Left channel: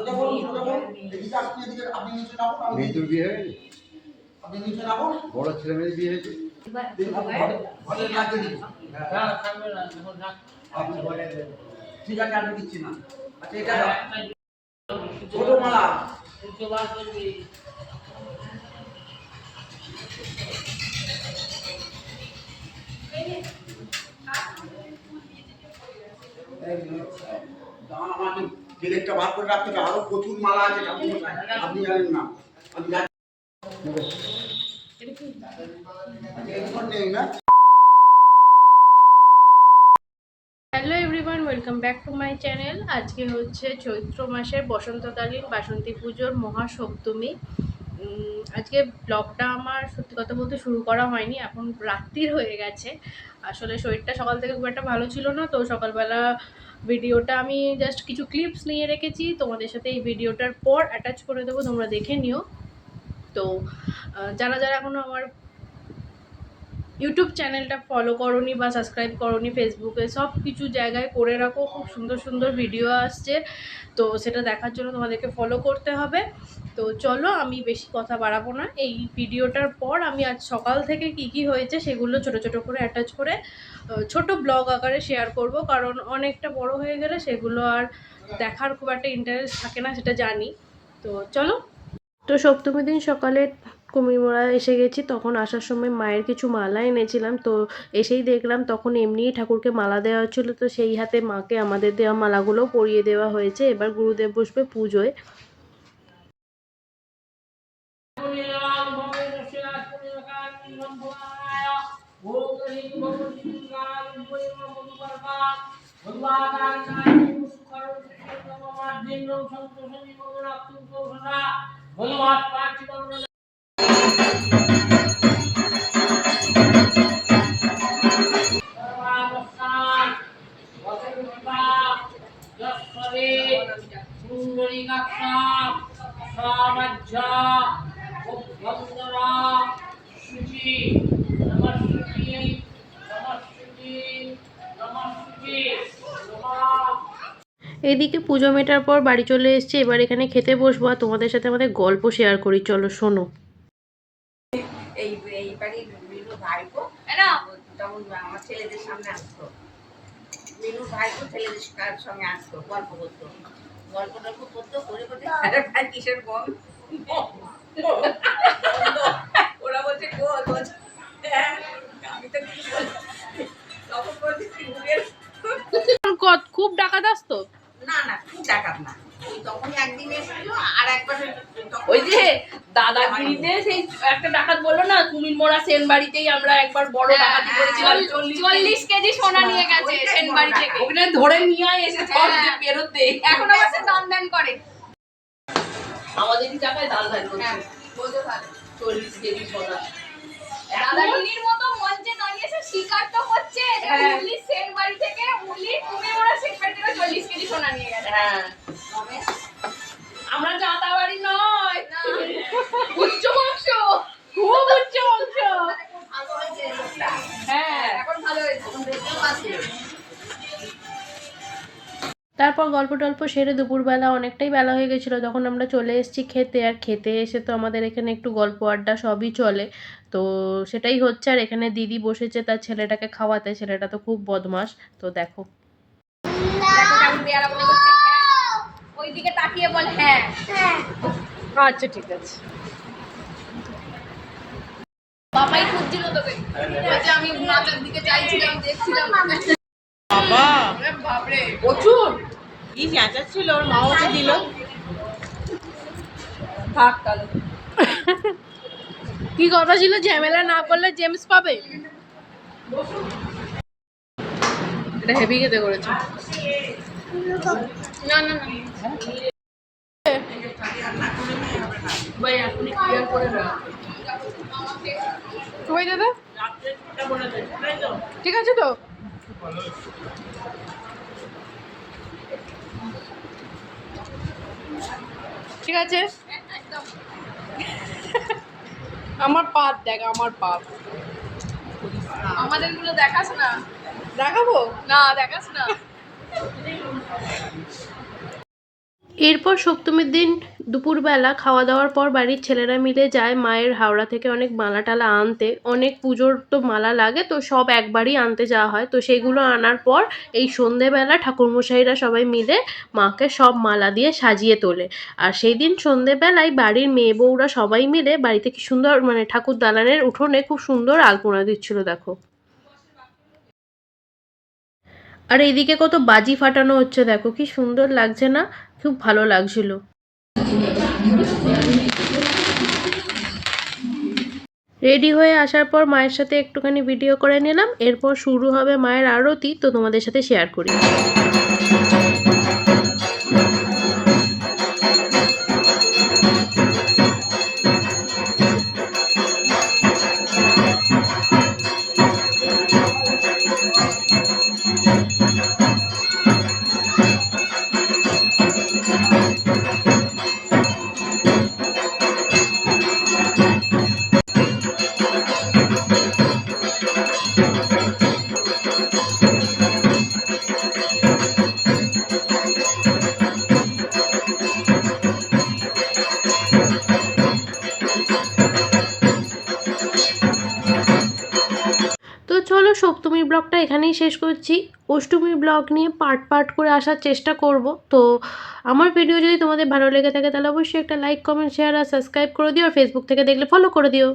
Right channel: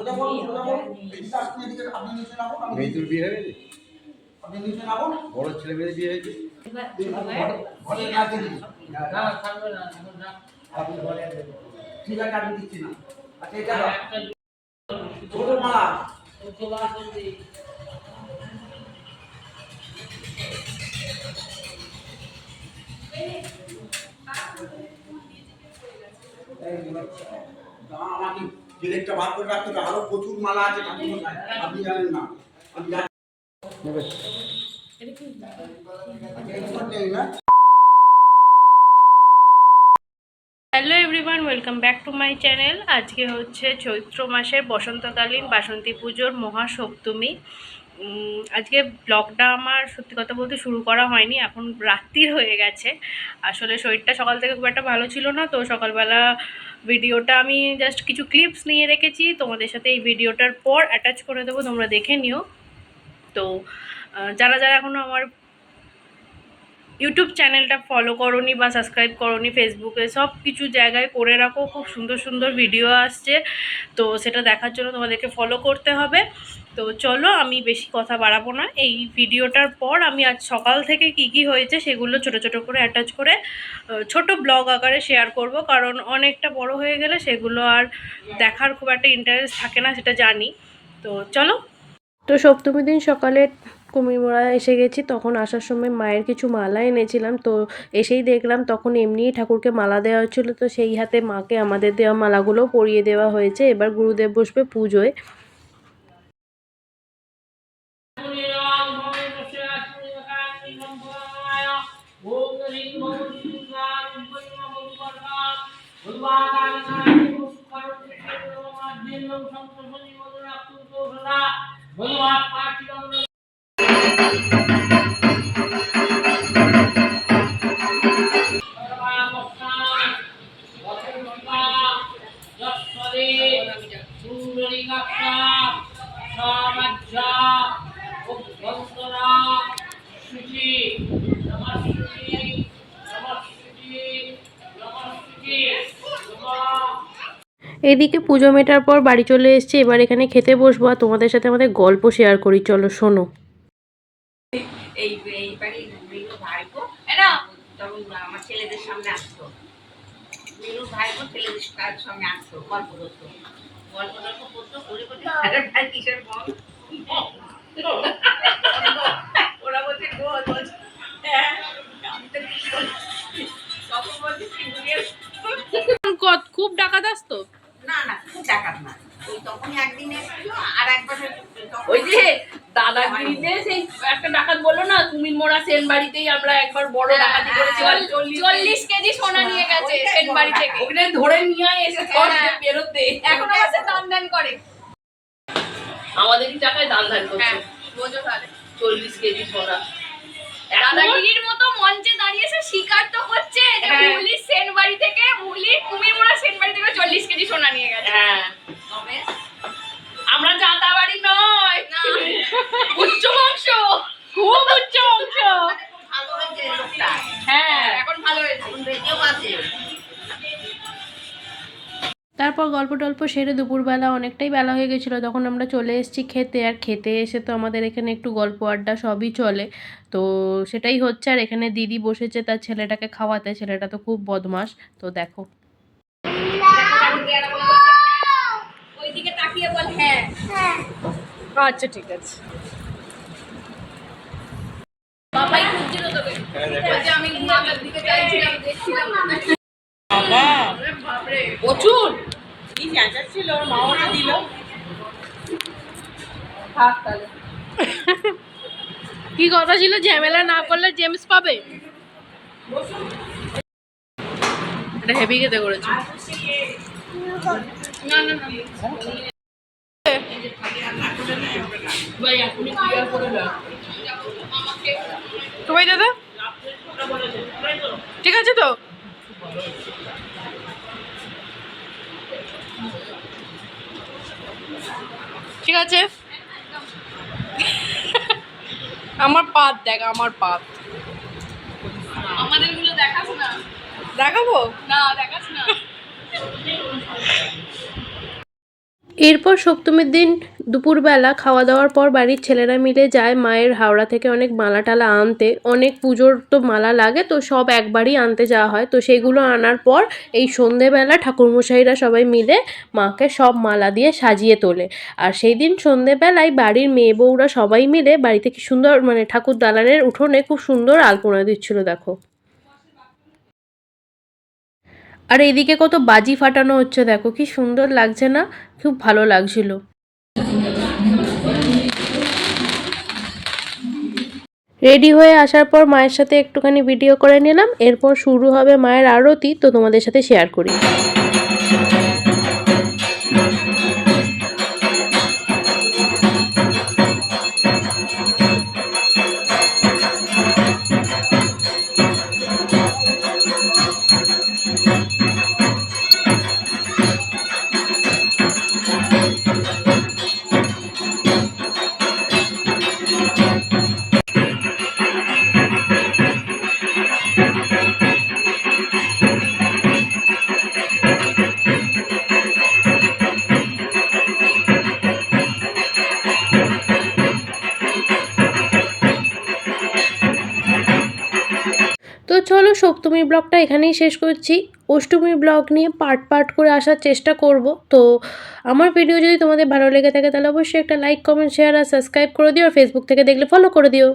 সোজা বলুন, সোজা বলুন। এদিকে আপনি এদিকে, আপনি নিচে নামুন। মেয়ের বিয়ে হয়ে গেছে? আপনি নিচে নামুন। বড় ছেলে মেয়ের বিয়ে হয়েছে? ঘরে লাগিয়ে দিন। না থাকবে না এখন রাখ। ঠিক আছে, আমি দিচ্ছি না। আচ্ছা, এটা দাও। ছোট মালা। ওকে বার করবি। আমাকে গেলেটটা বার করে রাখতে হবে। আরো প্রচুর মালা আছে ঠাকুরমশাই, আপনি জানেন না। আমি জানি। আচ্ছা, এরকম নেই না? Hello everyone, welcome back to my channel. আজকে হচ্ছে চৈত্র মাসের বসন্তকালীন বাসন্তী পুজোর মহাসপ্তমী। আজকে ব্লগটা আমার সত্যি কথা বলতে শুরু করা হয়নি, এখন রাত্রির হয়ে গেছে। আসলে শরীরটা সকাল থেকে খুব একটা ভালো ছিল না, তো সকালবেলা ভিডিওটা আমি জাস্ট কিছু ক্লিপস নিয়ে রেখেছি, তোমাদের সাথে এই ভিডিওটার পর অ্যাটাচ করে দেবো, তোমরা দেখে নিও। তো যারা যারা এখনও আমার ইউটিউব চ্যানেলটা ফলো করোনি বা সাবস্ক্রাইব করোনি, ফেসবুকে সব কিছু জায়গায় করে রাখো, খুব সুন্দর সুন্দর ভিডিও আসছে, তো সেটা দেখার জন্য তোমাদেরকে ফলো করতে হবে। তো চলো, আমি বেশি কথা বাড়াবো না। এই ভিডিওটার পর আমি আজ সকাল থেকে কি কি হয়েছে সেগুলো ছোট ছোট করে অ্যাটাচ করে ছোট ব্লগ আকারে শেয়ার করব, কারণ অনেকটা বড় হয়ে গেলে সেগুলো আর দেখার খুব একটা ইন্টারেস্ট থাকে না, সেটা জানি। তো চলো। তো সপ্তমী দিন সকালে কুমিরমোড়া এসে গেছি, তখন আসার সময় মায়ের কিছু মালা এনেছিলাম, তো এসেই দেখলাম তখন এমনিই ঠাকুরকে মালা দেওয়া হচ্ছিলো, তো সেই হাতে মাকে আমাদের দেওয়া মালাগুলোও পরিয়ে দেওয়া হয়েছে। এবার গুরুদেব বসবে পুজোয়। এদিকে পুজো মেটার পর বাড়ি চলে এসেছি, এবার এখানে খেতে বসবো আর তোমাদের সাথে আমাদের গল্প শেয়ার করি, চলো শোনো। এই বাড়ির মিনুর ভাইপো তখন আমার ছেলেদের সামনে আসতো, মিনুর ভাইপো ছেলেদের সঙ্গে আসতো, গল্প করতো, গল্প টল্প করতো, করে করতে আরে ভাই কিসের বল ওরা বলছে গোল বলছে, হ্যাঁ আমি তো কিছু বলছি, তখন বলছি খুব ডাকাত আসতো না না খুব ডাকাত না, ওই তখনই একদিন এসেছিল আর একবার ওই যে দাদাগিরিতে সেই একটা ডাকাত বললো না, কুমির মোড়া সেন বাড়িতেই আমরা একবার বড় ডাকাতি করেছি, 40 কেজি সোনা নিয়ে গেছে সেন বাড়ি থেকে, ওখানে ধরে নিয়ে এসে বেরোতে এখন আমার দান দান করে আমাদেরই টাকায় দান ধান করছে। বোঝো তাহলে 40 কেজি সোনা দাদাগিরির মতো মঞ্চে দাঁড়িয়েছে, স্বীকার তো করছে যে মুলি সেন বাড়ি থেকে, মুলি কুমির মোড়া সেন বাড়ি থেকে 40 কেজি সোনা নিয়ে গেছে। হ্যাঁ, তবে আমরা জাতা বাড়ি নয়, উচ্চ বংশ, খুব উচ্চ বংশ। ভালো হয়েছে লোকটা, হ্যাঁ এখন ভালো হয়েছে, এখন বেঁচেও আছে। তারপর গল্প টল্প সেরে দুপুরবেলা অনেকটাই বেলা হয়ে গেছিলো, তখন আমরা চলে এসেছি খেতে। আর খেতে এসে তো আমাদের এখানে একটু গল্প আড্ডা সবই চলে, তো সেটাই হচ্ছে। আর এখানে দিদি বসেছে তার ছেলেটাকে খাওয়াতে, ছেলেটা তো খুব বদমাশ, তো দেখো ওইদিকে তাকিয়ে বল হ্যাঁ। আচ্ছা ঠিক আছে, বাবাই খুঁজছিল তোকে, বলছে আমি মাথার দিকে চাইছিলাম, দেখছিলাম বাপরে প্রচুর কি চেঁচাচ্ছিল, ওর মা ওকে দিল। থাক তাহলে। কি কথা ছিল, ঝামেলা না করলে জেমস পাবে। এটা হেভি খেতে করেছে। না না না ভাই এখনই ক্লিয়ার করে না। তোমায় দাদা ঠিক আছে তো, ঠিক আছে। আমার পাত দেখ, আমার পাত, আমাদের গুলো দেখাস না, দেখাবো না দেখাস না। এরপর সপ্তমীর দিন দুপুরবেলা খাওয়া দাওয়ার পর বাড়ির ছেলেরা মিলে যায় মায়ের হাওড়া থেকে অনেক মালা টালা আনতে। অনেক পুজোর তো মালা লাগে, তো সব একবারই আনতে যাওয়া হয়। তো সেইগুলো আনার পর এই সন্ধেবেলা ঠাকুরমশাইরা সবাই মিলে মাকে সব মালা দিয়ে সাজিয়ে তোলে। আর সেই দিন সন্ধেবেলায় বাড়ির মেয়ে বউরা সবাই মিলে বাড়িতে কি সুন্দর মানে ঠাকুর দালানের উঠোনে খুব সুন্দর আলপনা দিচ্ছিল দেখো। আর এইদিকে কত বাজি ফাটানো হচ্ছে দেখো, কি সুন্দর লাগছে না? খুব ভালো লাগছিল। রেডি হয়ে আসার পর মায়ের সাথে একটুখানি ভিডিও করে নিলাম। এরপর শুরু হবে মায়ের আরতি, তো তোমাদের সাথে শেয়ার করি। তো চলো সপ্তমীর ব্লগটা এখানেই শেষ করছি। অষ্টমীর ব্লগ নিয়ে পার্ট পার্ট করে আসার চেষ্টা করব। তো আমার ভিডিও যদি তোমাদের ভালো লেগে থাকে তাহলে অবশ্যই একটা লাইক, কমেন্ট, শেয়ার আর সাবস্ক্রাইব করে দিও। আর ফেসবুক থেকে দেখলে ফলো করে দিও।